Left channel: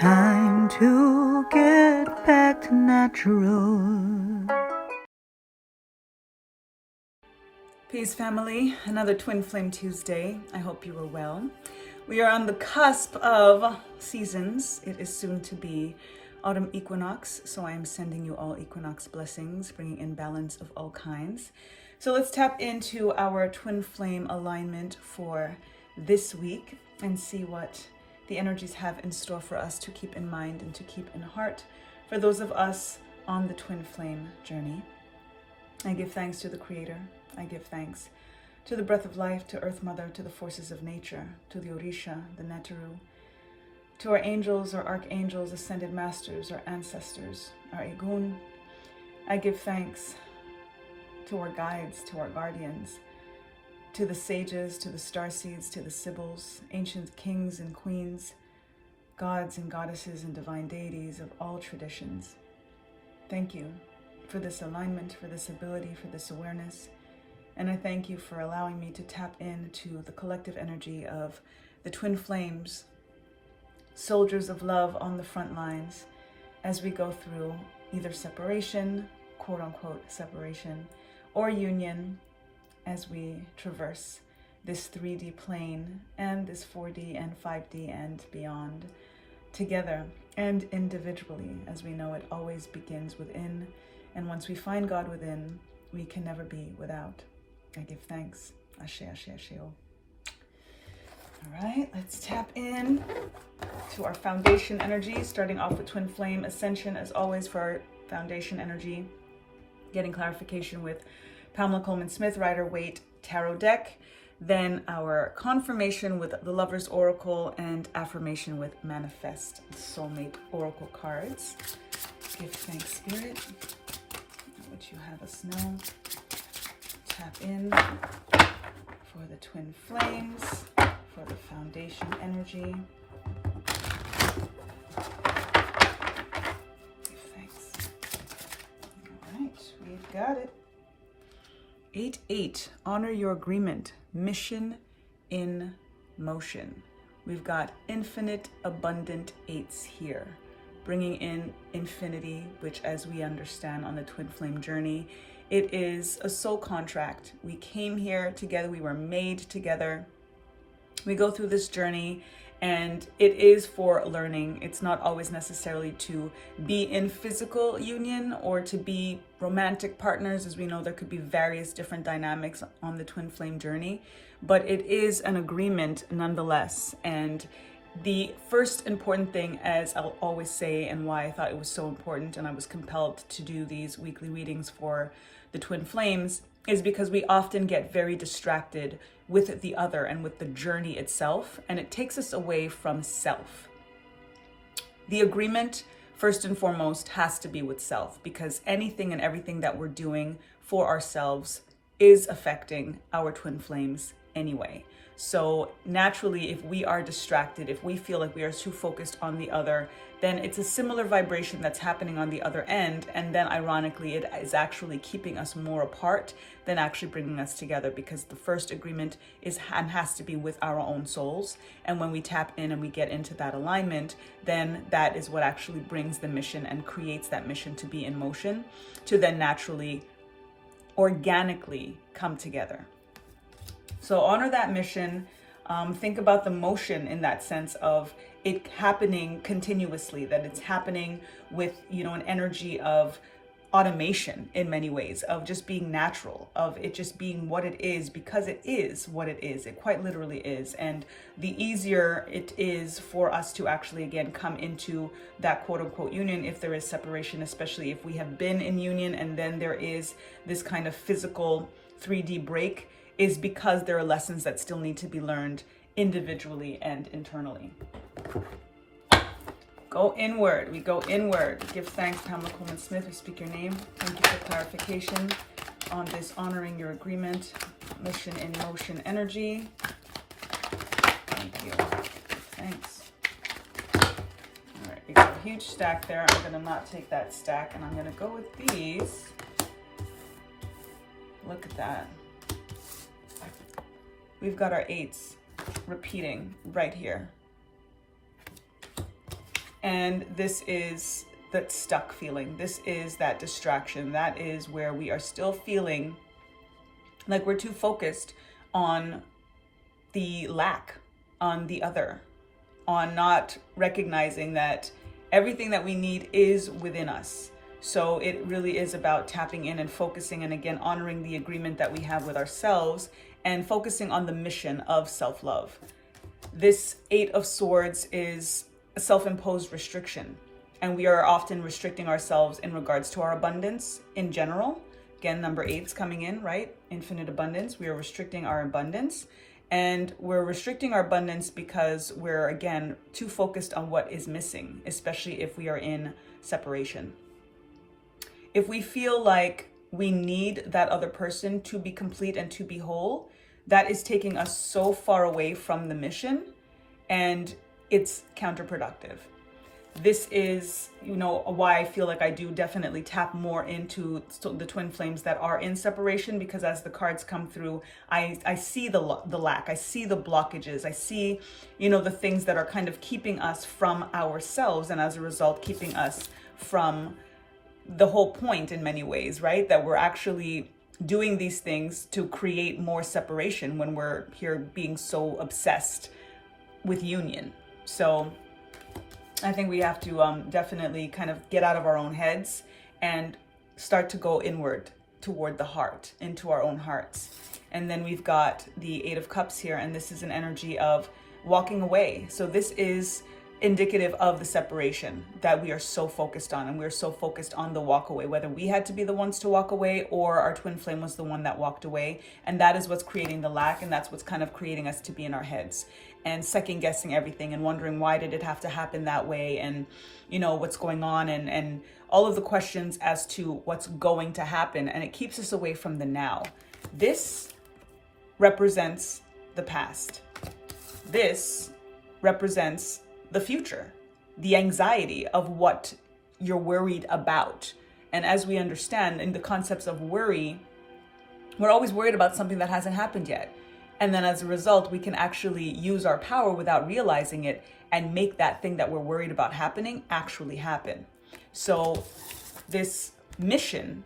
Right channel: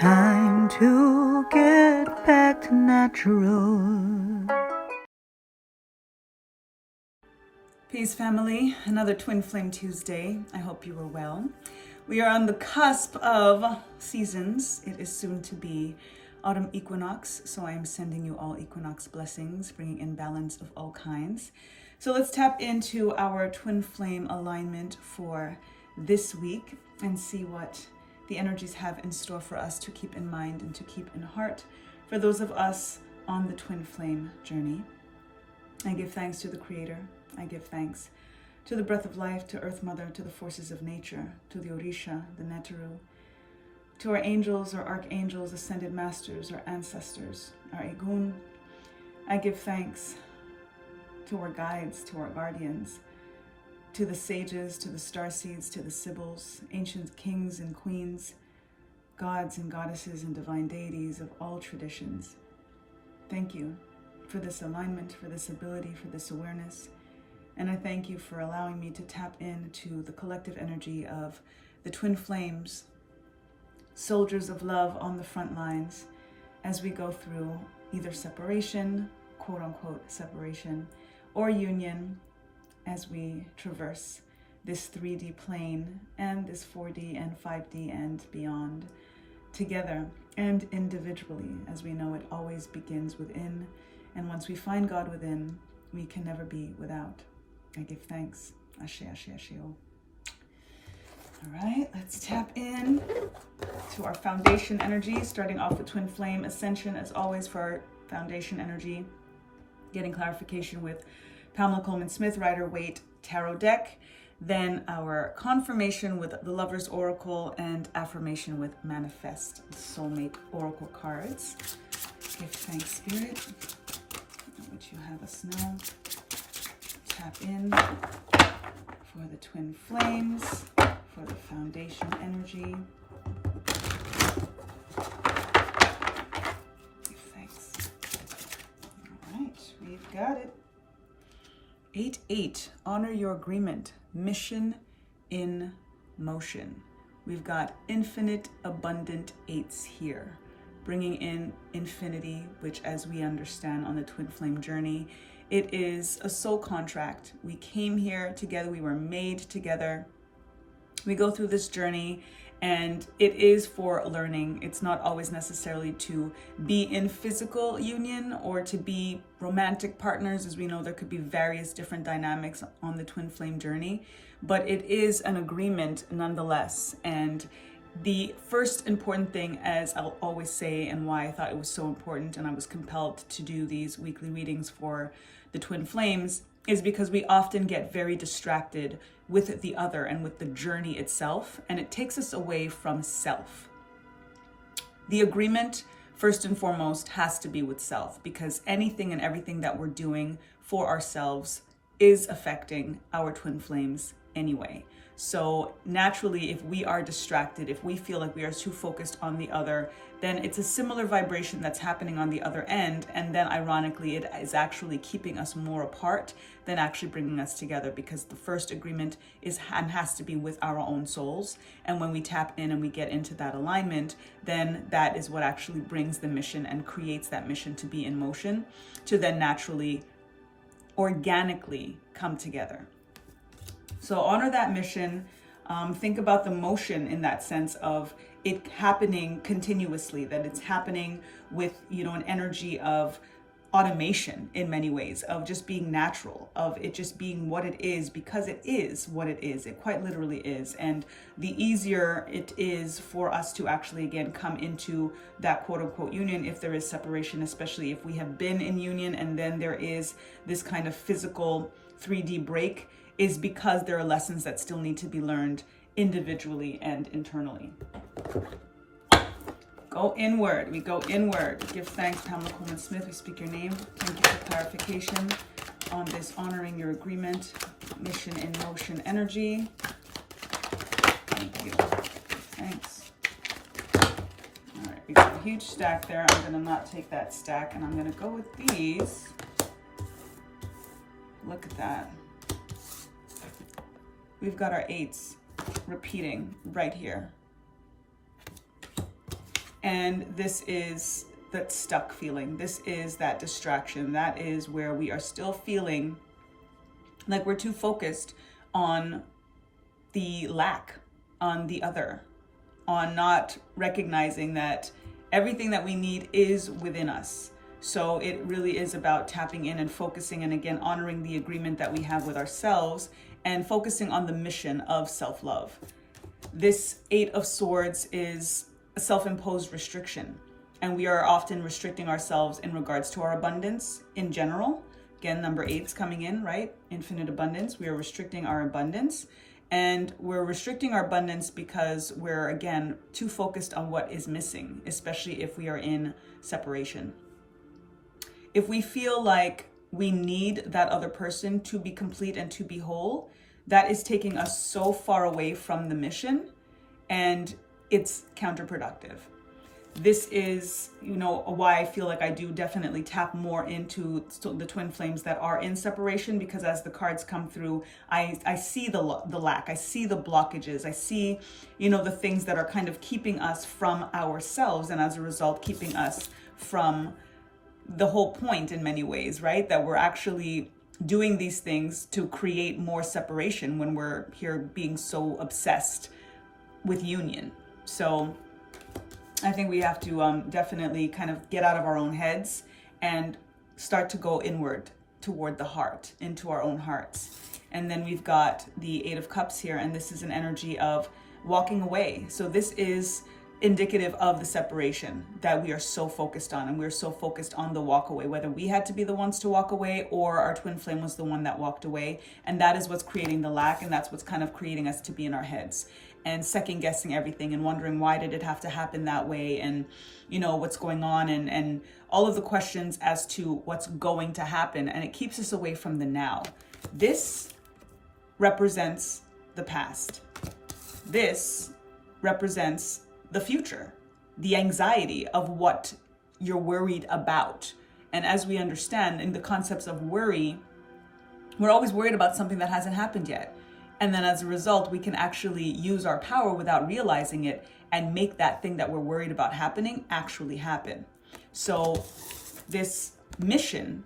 time to get back to natural. Peace, family. Another Twin Flame Tuesday. I hope you are well. We are on the cusp of seasons. It is soon to be autumn equinox, so I am sending you all equinox blessings, bringing in balance of all kinds. So let's tap into our twin flame alignment for this week and see what the energies have in store for us to keep in mind and to keep in heart for those of us on the twin flame journey. I give thanks to the Creator. I give thanks to the breath of life, to Earth Mother, to the forces of nature, to the Orisha, the Neteru, to our angels, our archangels, ascended masters, our ancestors, our Egun. I give thanks to our guides, to our guardians, to the sages, to the starseeds, to the sibyls, ancient kings and queens, gods and goddesses and divine deities of all traditions. Thank you for this alignment, for this ability, for this awareness. And I thank you for allowing me to tap into the collective energy of the twin flames, soldiers of love on the front lines, as we go through either separation, quote unquote separation, or union, as we traverse this 3D plane and this 4D and 5D and beyond, together and individually. As we know, it always begins within, and once we find God within, we can never be without. I give thanks. Ashe, ashe, ashe. All right, let's tap in to our foundation energy, starting off with twin flame ascension, as always, for our foundation energy, getting clarification with Pamela Coleman-Smith, Rider-Waite Tarot deck, then our confirmation with the Lover's Oracle, and affirmation with Manifest Soulmate Oracle cards. Give thanks, Spirit. I'll let you have us know. Tap in for the twin flames, for the foundation energy. Thanks. All right, we've got it. 8-8, honor your agreement, mission in motion. We've got infinite, abundant eights here, bringing in infinity, which, as we understand on the twin flame journey, it is a soul contract. We came here together, we were made together. We go through this journey, and it is for learning. It's not always necessarily to be in physical union or to be romantic partners. As we know, there could be various different dynamics on the twin flame journey, but it is an agreement nonetheless. And the first important thing, as I'll always say, and why I thought it was so important and I was compelled to do these weekly readings for the twin flames, is because we often get very distracted with the other and with the journey itself, and it takes us away from self. The agreement, first and foremost, has to be with self, because anything and everything that we're doing for ourselves is affecting our twin flames anyway. So naturally, if we are distracted, if we feel like we are too focused on the other, then it's a similar vibration that's happening on the other end. And then ironically, it is actually keeping us more apart than actually bringing us together, because the first agreement is and has to be with our own souls. And when we tap in and we get into that alignment, then that is what actually brings the mission and creates that mission to be in motion, to then naturally, organically come together. So honor that mission. Think about the motion in that sense of it happening continuously, that it's happening with, an energy of automation in many ways, of just being natural, of it just being what it is, because it is what it is. It quite literally is. And the easier it is for us to actually, again, come into that quote unquote union, if there is separation, especially if we have been in union and then there is this kind of physical 3D break, is because there are lessons that still need to be learned individually and internally. Go inward. We go inward. Give thanks, Pamela Coleman-Smith. We speak your name. Thank you for clarification on this honoring your agreement, mission in motion energy. Thank you. Thanks. All right, we got a huge stack there. I'm going to not take that stack, and I'm going to go with these. Look at that. We've got our eights repeating right here. And this is that stuck feeling. This is that distraction. That is where we are still feeling like we're too focused on the lack, on the other, on not recognizing that everything that we need is within us. So it really is about tapping in and focusing, and again, honoring the agreement that we have with ourselves and focusing on the mission of self-love. This Eight of Swords is a self-imposed restriction, and we are often restricting ourselves in regards to our abundance in general. Again, number 8's coming in, right? Infinite abundance. We are restricting our abundance, and we're restricting our abundance because we're, again, too focused on what is missing, especially if we are in separation. If we feel like we need that other person to be complete and to be whole, that is taking us so far away from the mission, and it's counterproductive. This is, why I feel like I do definitely tap more into the twin flames that are in separation, because as the cards come through, I see the lack, I see the blockages, I see, the things that are kind of keeping us from ourselves, and as a result, keeping us from the whole point in many ways, right? That we're actually doing these things to create more separation when we're here being so obsessed with union. So I think we have to definitely kind of get out of our own heads and start to go inward toward the heart, into our own hearts. And then we've got the Eight of Cups here, and this is an energy of walking away. So this is indicative of the separation that we are so focused on, and we're so focused on the walk away, whether we had to be the ones to walk away or our twin flame was the one that walked away. And that is what's creating the lack, and that's what's kind of creating us to be in our heads and second guessing everything and wondering, why did it have to happen that way, and what's going on, and all of the questions as to what's going to happen, and it keeps us away from the now. This represents the past. This represents the future, the anxiety of what you're worried about. And as we understand in the concepts of worry, we're always worried about something that hasn't happened yet. And then as a result, we can actually use our power without realizing it and make that thing that we're worried about happening actually happen. So this mission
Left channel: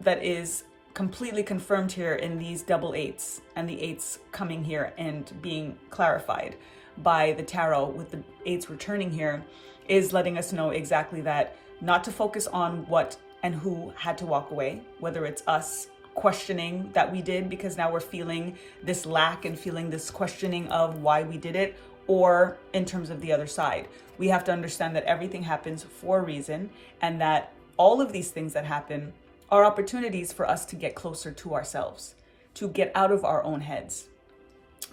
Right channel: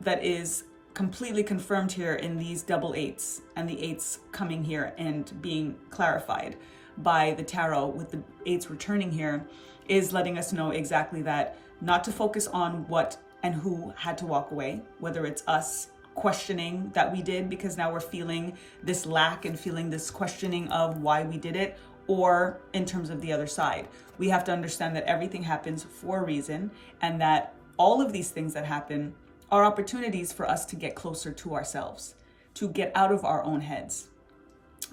that is completely confirmed here in these double eights, and the eights coming here and being clarified by the tarot with the eights returning here, is letting us know exactly that, not to focus on what and who had to walk away, whether it's us questioning that we did because now we're feeling this lack and feeling this questioning of why we did it, or in terms of the other side. We have to understand that everything happens for a reason, and that all of these things that happen are opportunities for us to get closer to ourselves, to get out of our own heads,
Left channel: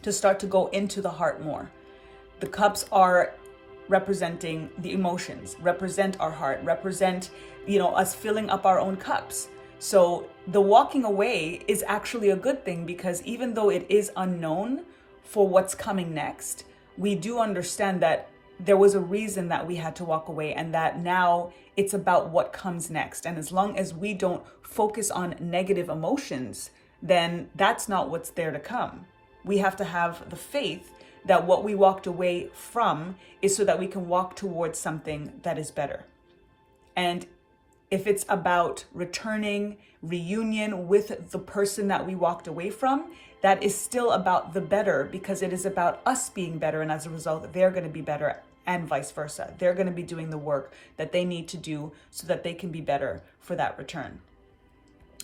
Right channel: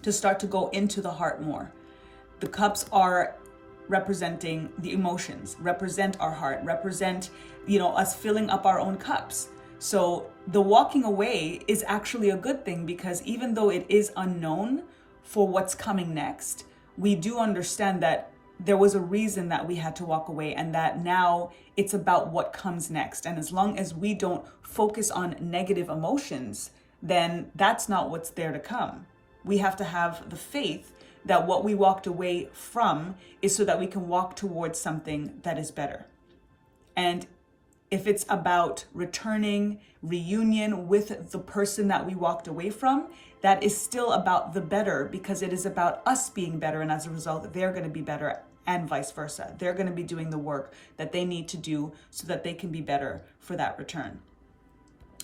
to start to go into the heart more. The cups are representing the emotions, represent our heart, represent, us filling up our own cups. So the walking away is actually a good thing, because even though it is unknown for what's coming next, we do understand that there was a reason that we had to walk away, and that now it's about what comes next. And as long as we don't focus on negative emotions, then that's not what's there to come. We have to have the faith that what we walked away from is so that we can walk towards something that is better. And if it's about returning, reunion with the person that we walked away from, that is still about the better, because it is about us being better. And as a result, they're going to be better, and vice versa. They're going to be doing the work that they need to do so that they can be better for that return.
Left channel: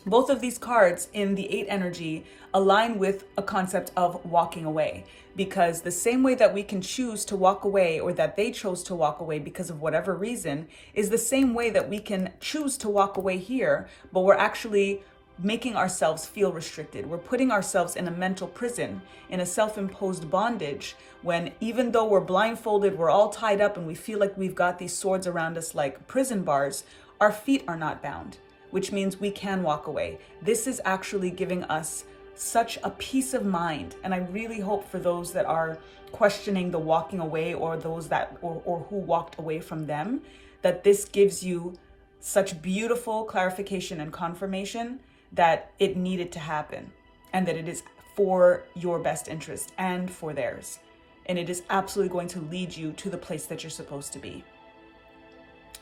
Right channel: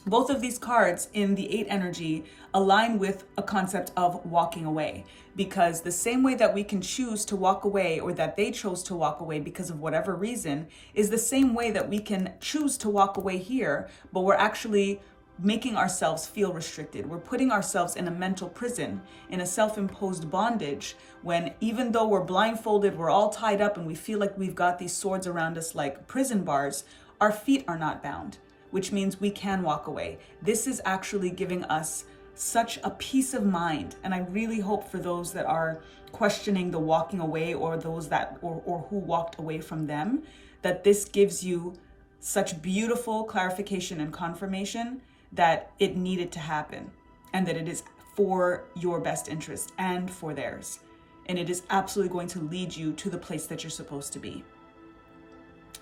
Both of these cards in the 8 energy align with a concept of walking away, because the same way that we can choose to walk away, or that they chose to walk away because of whatever reason, is the same way that we can choose to walk away here, but we're actually making ourselves feel restricted. We're putting ourselves in a mental prison, in a self-imposed bondage, when even though we're blindfolded, we're all tied up, and we feel like we've got these swords around us like prison bars, our feet are not bound, which means we can walk away. This is actually giving us such a peace of mind. And I really hope for those that are questioning the walking away, or those that, or who walked away from them, that this gives you such beautiful clarification and confirmation that it needed to happen, and that it is for your best interest and for theirs. and it is absolutely going to lead you to the place that you're supposed to be.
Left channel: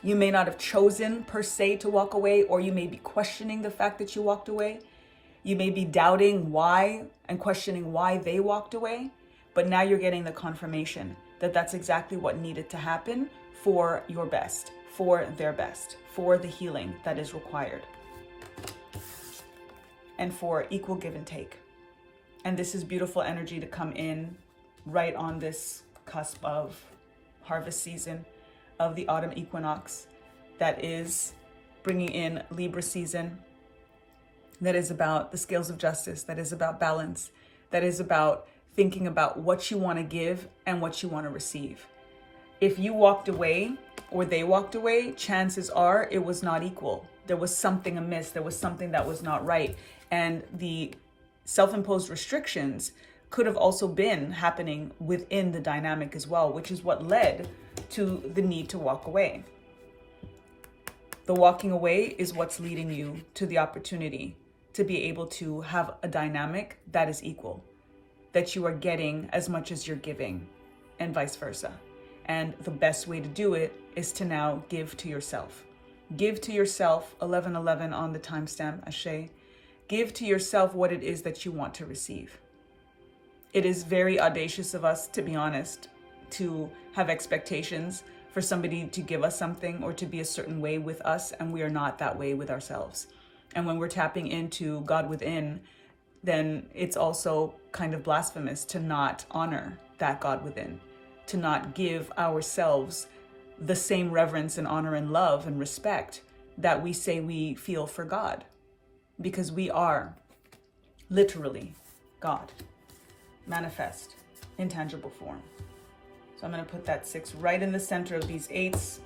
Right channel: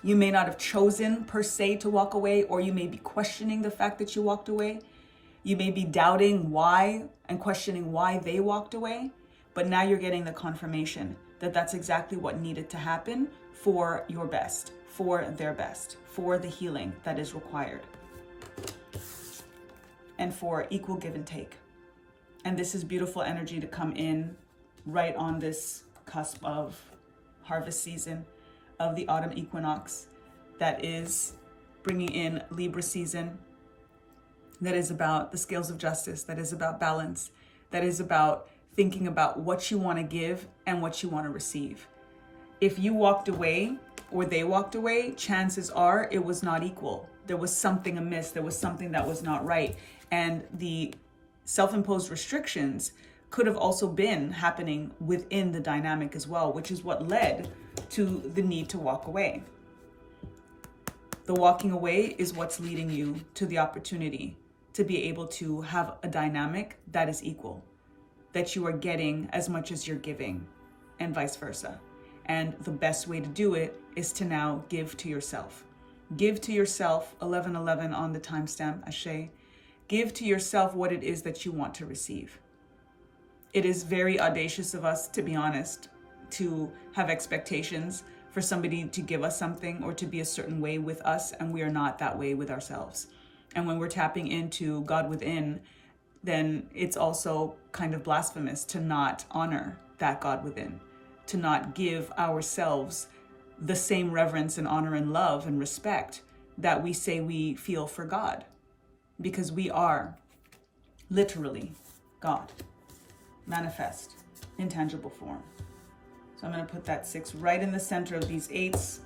You may not have chosen per se to walk away, or you may be questioning the fact that you walked away. You may be doubting why and questioning why they walked away, but now you're getting the confirmation that that's exactly what needed to happen for your best, for their best, for the healing that is required, and for equal give and take. And this is beautiful energy to come in right on this cusp of harvest season, of the autumn equinox, that is bringing in Libra season, that is about the scales of justice, that is about balance, that is about thinking about what you want to give and what you want to receive. If you walked away or they walked away, chances are it was not equal. There was something amiss. There was something that was not right. And the self-imposed restrictions could have also been happening within the dynamic as well, which is what led to the need to walk away. The walking away is what's leading you to the opportunity to be able to have a dynamic that is equal, that you are getting as much as you're giving, and vice versa. And the best way to do it is to now give to yourself. Give to yourself, 1111 on the timestamp, Ashe. Give to yourself what it is that you want to receive. It is very audacious of us, to be honest, to have expectations for somebody to give us something or to be a certain way with us, and we are not that way with ourselves. And when we're tapping into God within, then it's also kind of blasphemous to not honor that God within, to not give ourselves the same reverence and honor and love and respect that we say we feel for God, because we are literally God, manifest in tangible form. So I'm going to put that 6 right in the center of these 8s.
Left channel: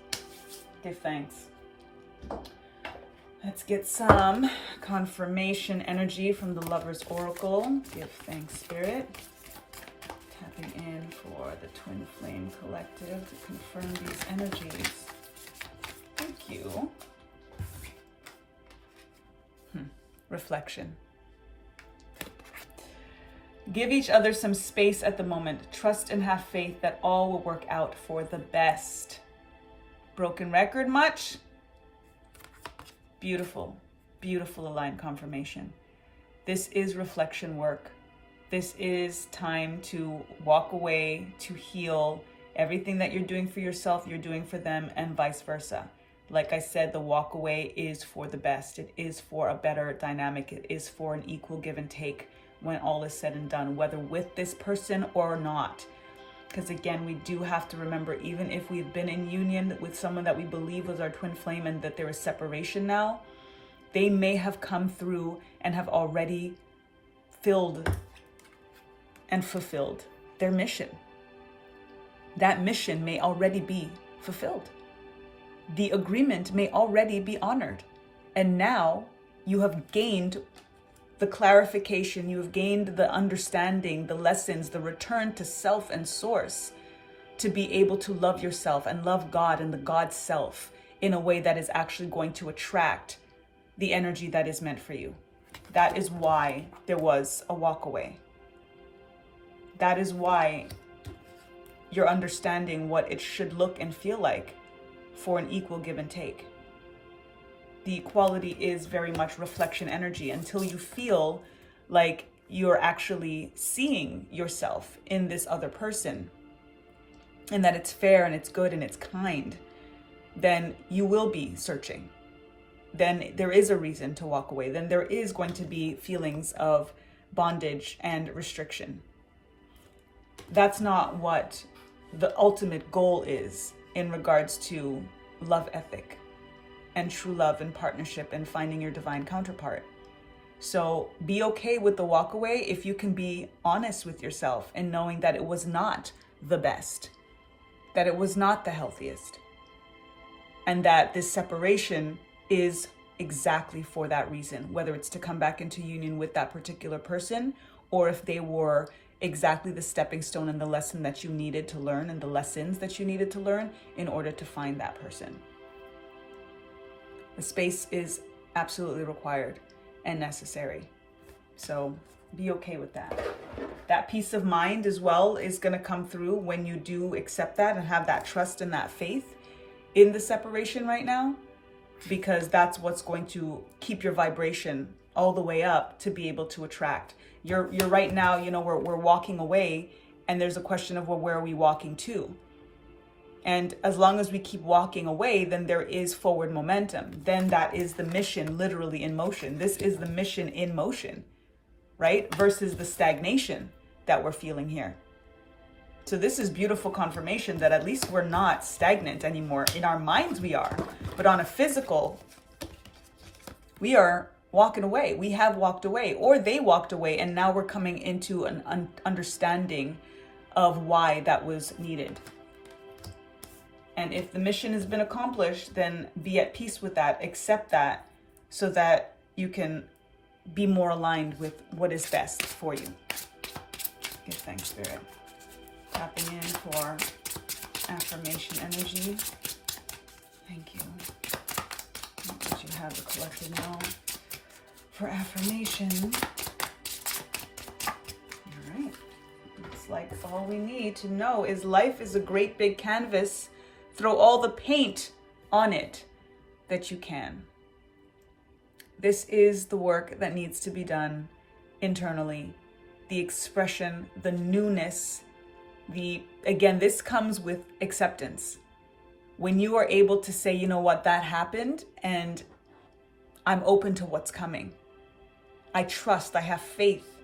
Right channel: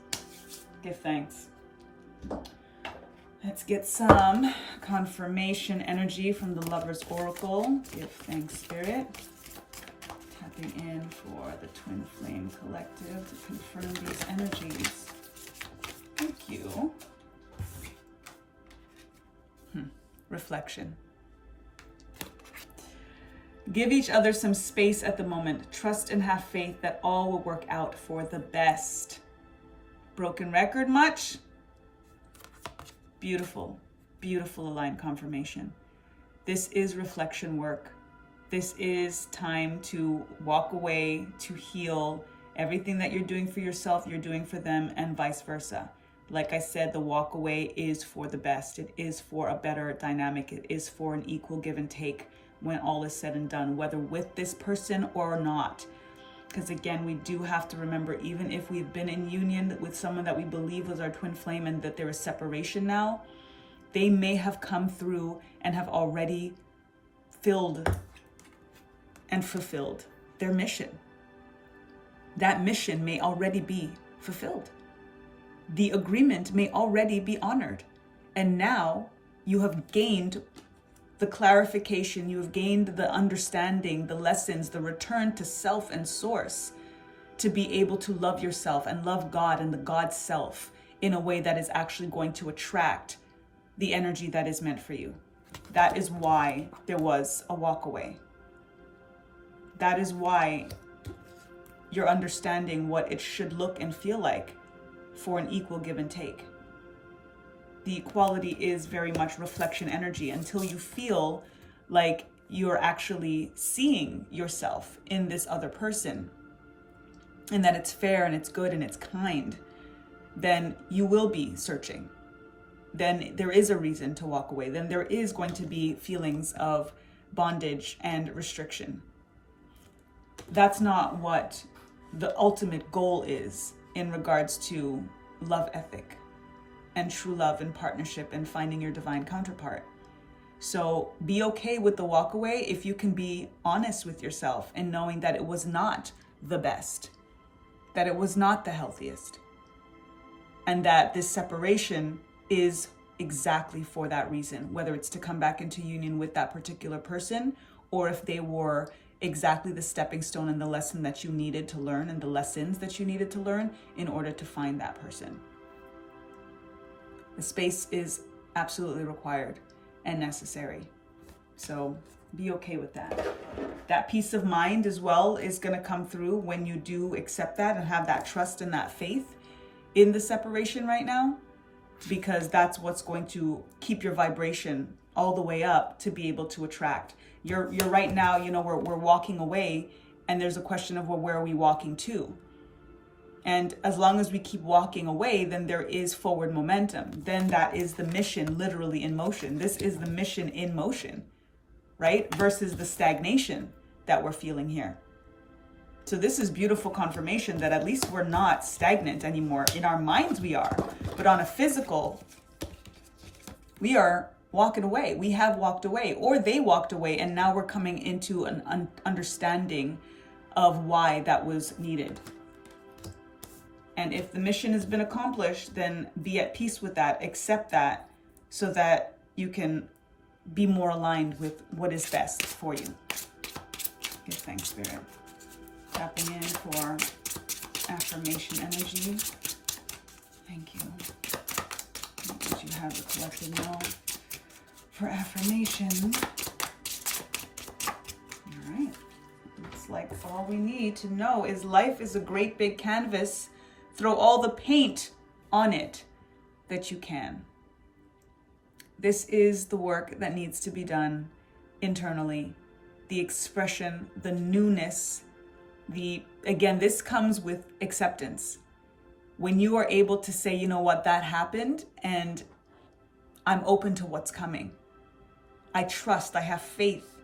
Give thanks. Let's get some confirmation energy from the Lover's Oracle. Give thanks, Spirit. Tapping in for the Twin Flame Collective to confirm these energies. Thank you. Reflection. Give each other some space at the moment. Trust and have faith that all will work out for the best. Broken record much? Beautiful, beautiful aligned confirmation. This is reflection work. This is time to walk away, to heal. Everything that you're doing for yourself, you're doing for them, and vice versa. Like I said, the walk away is for the best. It is for a better dynamic. It is for an equal give and take when all is said and done, whether with this person or not. Because again, we do have to remember, even if we've been in union with someone that we believe was our twin flame and that there is separation now, they may have come through and have already filled and fulfilled their mission. That mission may already be fulfilled. The agreement may already be honored. And now you have gained the clarification, you have gained the understanding, the lessons, the return to self and source, to be able to love yourself and love God and the God self in a way that is actually going to attract the energy that is meant for you. That is why there was a walk away. That is why you're understanding what it should look and feel like for an equal give and take. The equality is very much reflection energy until you feel like you're actually seeing yourself in this other person and that it's fair and it's good and it's kind. Then you will be searching. Then there is a reason to walk away. Then there is going to be feelings of bondage and restriction. That's not what the ultimate goal is in regards to love ethic and true love and partnership and finding your divine counterpart. So be okay with the walk away if you can be honest with yourself and knowing that it was not the best, that it was not the healthiest, and that this separation is exactly for that reason, whether it's to come back into union with that particular person, or if they were exactly the stepping stone and the lesson that you needed to learn and the lessons that you needed to learn in order to find that person. The space is absolutely required and necessary. So Be okay with that. That peace of mind as well is going to come through when you do accept that and have that trust and that faith in the separation right now, because that's what's going to keep your vibration all the way up to be able to attract. You're right now, you know, we're walking away, and there's a question of, well, where are we walking to? And as long as we keep walking away, then there is forward momentum. Then that is the mission literally in motion. This is the mission in motion, right? Versus the stagnation that we're feeling here. So this is beautiful confirmation that at least we're not stagnant anymore. In our minds we are, but on a physical, we are walking away. We have walked away, or they walked away, and now we're coming into an understanding of why that was needed. And if the mission has been accomplished, then be at peace with that, accept that, so that you can be more aligned with what is best for you. Okay, thanks, Spirit. Tapping in for affirmation energy. Thank you. As you have a collective now for affirmation. All right. Looks like all we need to know is life is a great big canvas. Throw all the paint on it that you can. This is the work that needs to be done internally. The expression, the newness, again, this comes with acceptance. When you are able to say, you know what, that happened, and I'm open to what's coming. I trust, I have faith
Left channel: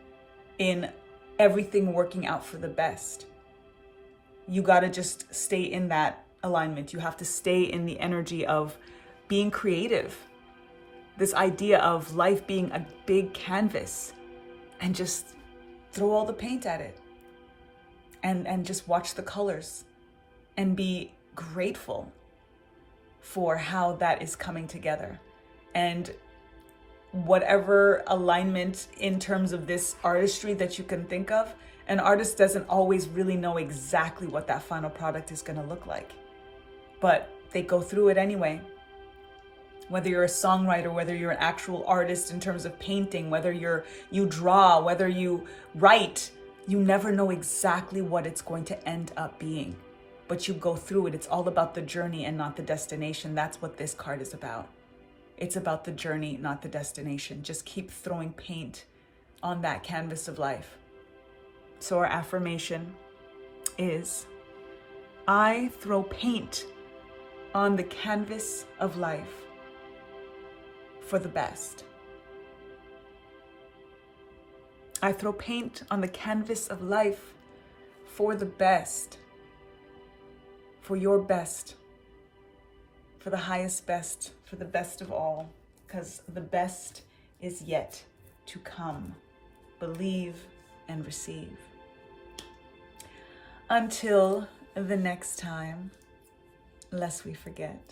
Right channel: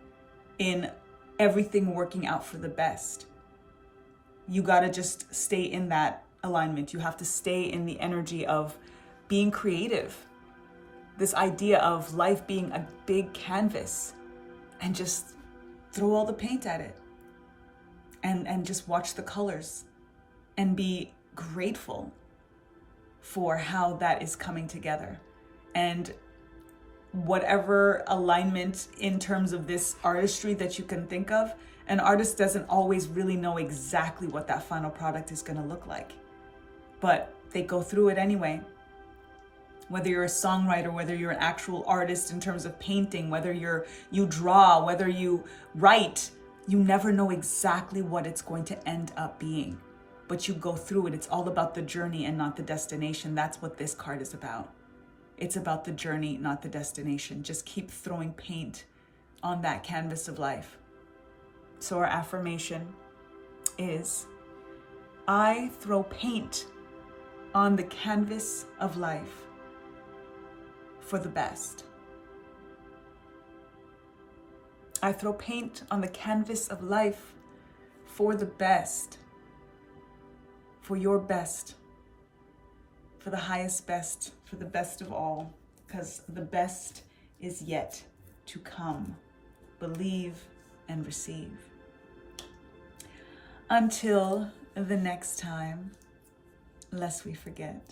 in everything working out for the best. You got to just stay in that alignment. You have to stay in the energy of being creative. This idea of life being a big canvas, and just throw all the paint at it and just watch the colors and be grateful for how that is coming together. And whatever alignment in terms of this artistry that you can think of, an artist doesn't always really know exactly what that final product is going to look like, but they go through it anyway. Whether you're a songwriter, whether you're an actual artist in terms of painting, whether you draw, whether you write, you never know exactly what it's going to end up being, but you go through it. It's all about the journey and not the destination. That's what this card is about. It's about the journey, not the destination. Just keep throwing paint on that canvas of life. So our affirmation is, I throw paint on the canvas of life for the best. I throw paint on the canvas of life for the best, for your best, for the highest best, for the best of all, because the best is yet to come. Believe and receive. Until the next time, lest we forget.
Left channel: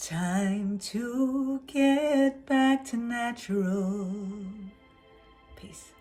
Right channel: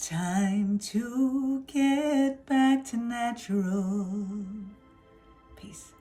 Time to get back to natural. Peace.